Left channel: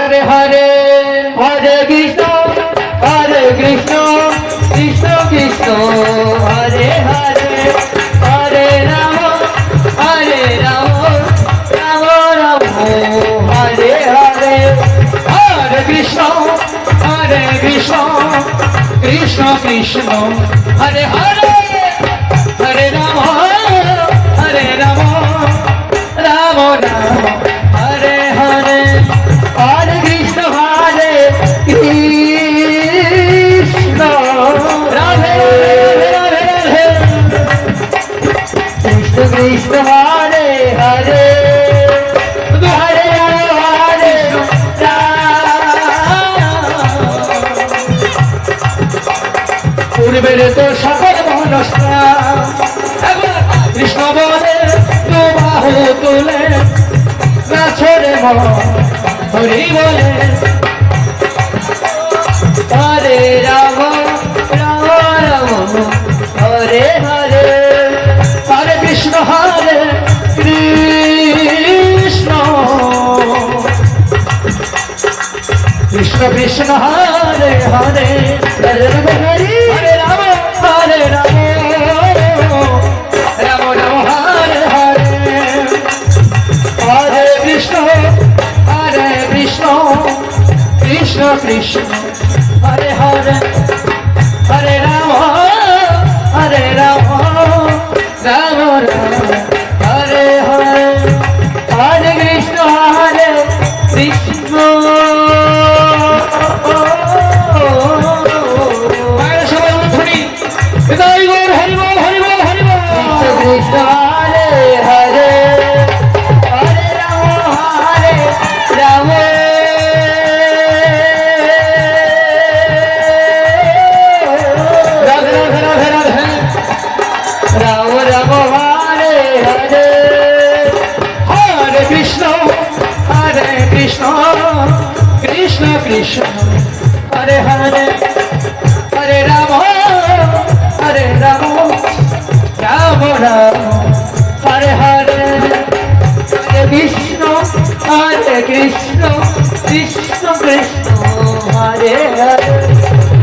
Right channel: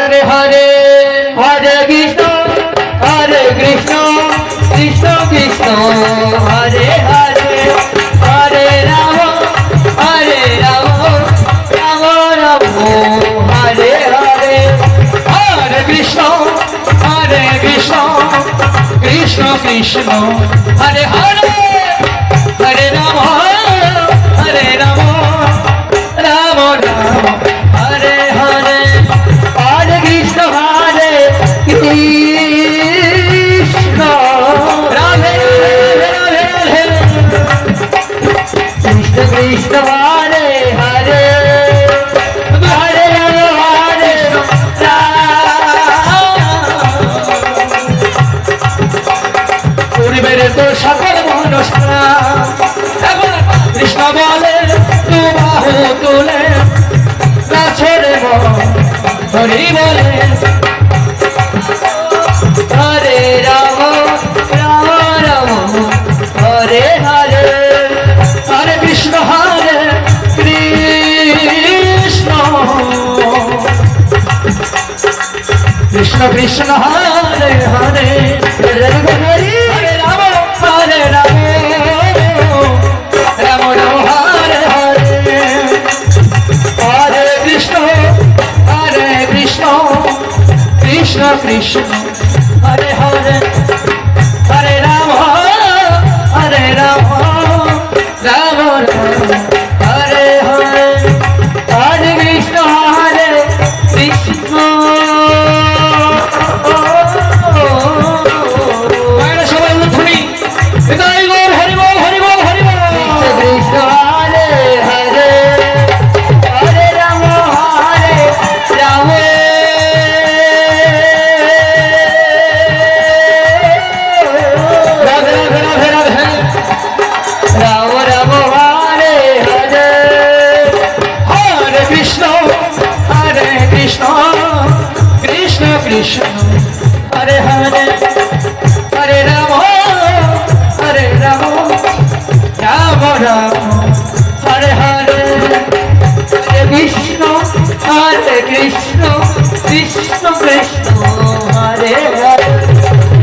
हरे हरे हरे कृष्ण कृष्ण कृष्ण हरे हरे हरे राम राम राम हरे हरे हरे कृष्ण कृष्ण कृष्ण हरे हरे हरे राम राम राम हरे हरे हरे कृष्ण राधे राधे राधे कृष्ण कृष्ण हरे हरे हरे पूर्वेर तो सकल मनुष्य कृष्ण बोले तू बाहु तुले ना छोड़े मन हरि बोले हरे राम राम राम हरे हरे हरे कृष्ण कृष्ण कृष्ण हरे हरे हरे हरे राम राम राम हरे हरे हरे कृष्ण कृष्ण कृष्ण हरे हरे हरे राम राम राम हरे हरे हरे कृष्ण সবাই শুনি হৃদয় হরিব হরিব হরিব কৃষ্ণ হরে হরে হরে রাম রাধে রাধে রাধে রাধে রাম রাম হরে হরে হরে কৃষ্ণ কৃষ্ণ কৃষ্ণ হরে হরে হরে রাম রাম রাম হরে হরে হরে কৃষ্ণ কৃষ্ণ কৃষ্ণ হরে হরে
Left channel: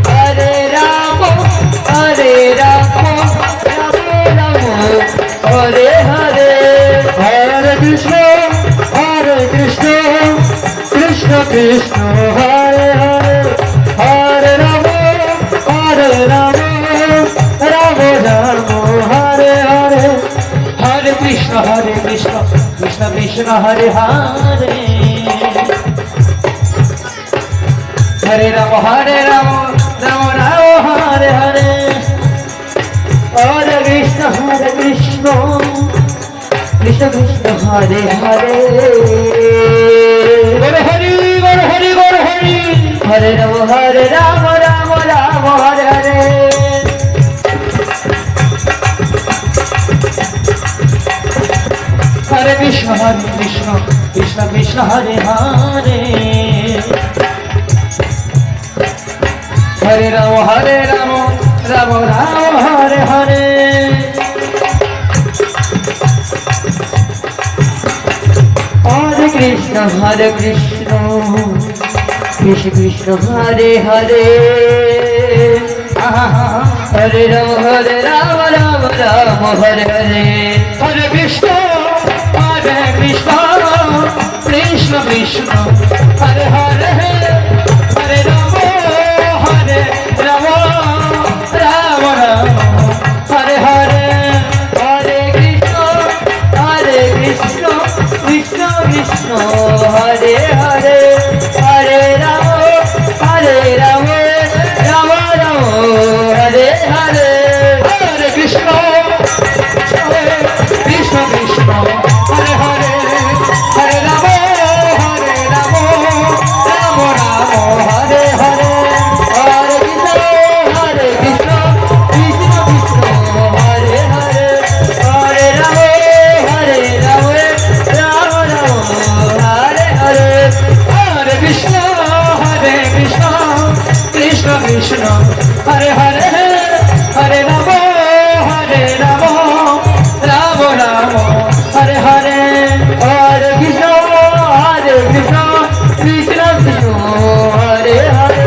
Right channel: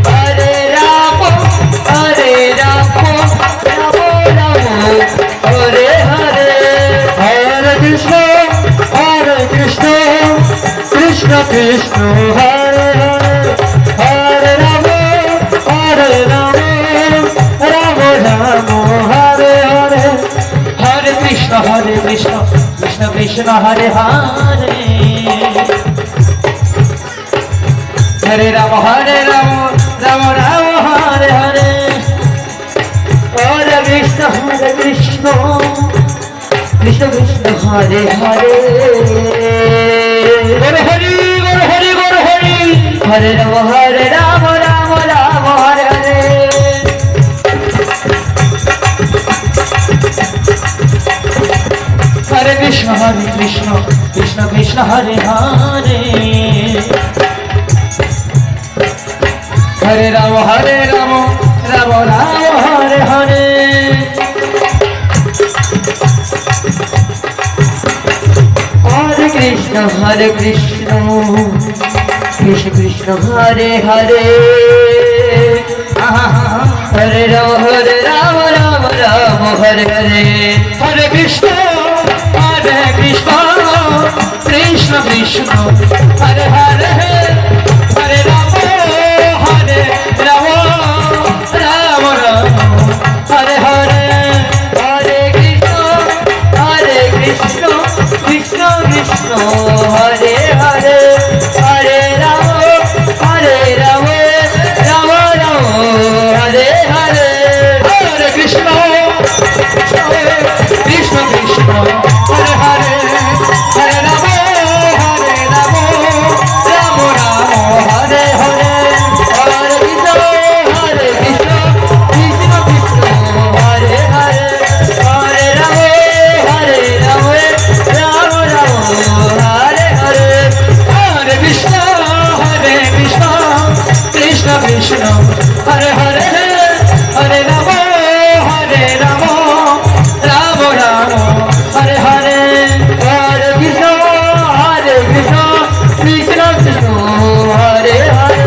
হরে রাম রাম হরে হরে হরে কৃষ্ণ কৃষ্ণ কৃষ্ণ হরে হরে রাম রাম রাম হরে হরে হরে কৃষ্ণ কৃষ্ণ কৃষ্ণ হরে হরে হরে রাম রাম রাম হরে হরে হরে কৃষ্ণ কৃষ্ণ কৃষ্ণ হরে হরে হরে হরি হরে রাম রাম রাম হরে হরে হরে কৃষ্ণ কৃষ্ণ কৃষ্ণ হরে হরে হরে রাম রাম রাম হরে হরে হরে কৃষ্ণ কৃষ্ণ কৃষ্ণ হরে হরে হরে রাম রাম রাম হরে হরে হরে কৃষ্ণ কৃষ্ণ কৃষ্ণ হরে হরে হরে রাম রাম রাম হরে হরে হরে কৃষ্ণ কৃষ্ণ কৃষ্ণ হরে হরে হরে রাম রাম রাম হরে হরে হরে কৃষ্ণ কৃষ্ণ কৃষ্ণ হরে হরে হরে রাম রাম রাম হরে হরে হরে কৃষ্ণ কৃষ্ণ কৃষ্ণ হরে হরে হরে রাম রাম রাম হরে হরে হরে কৃষ্ণ কৃষ্ণ কৃষ্ণ হরে হরে হরে রাম রাম রাম হরে হরে হরে কৃষ্ণ কৃষ্ণ বিষ্ণু হরে হরে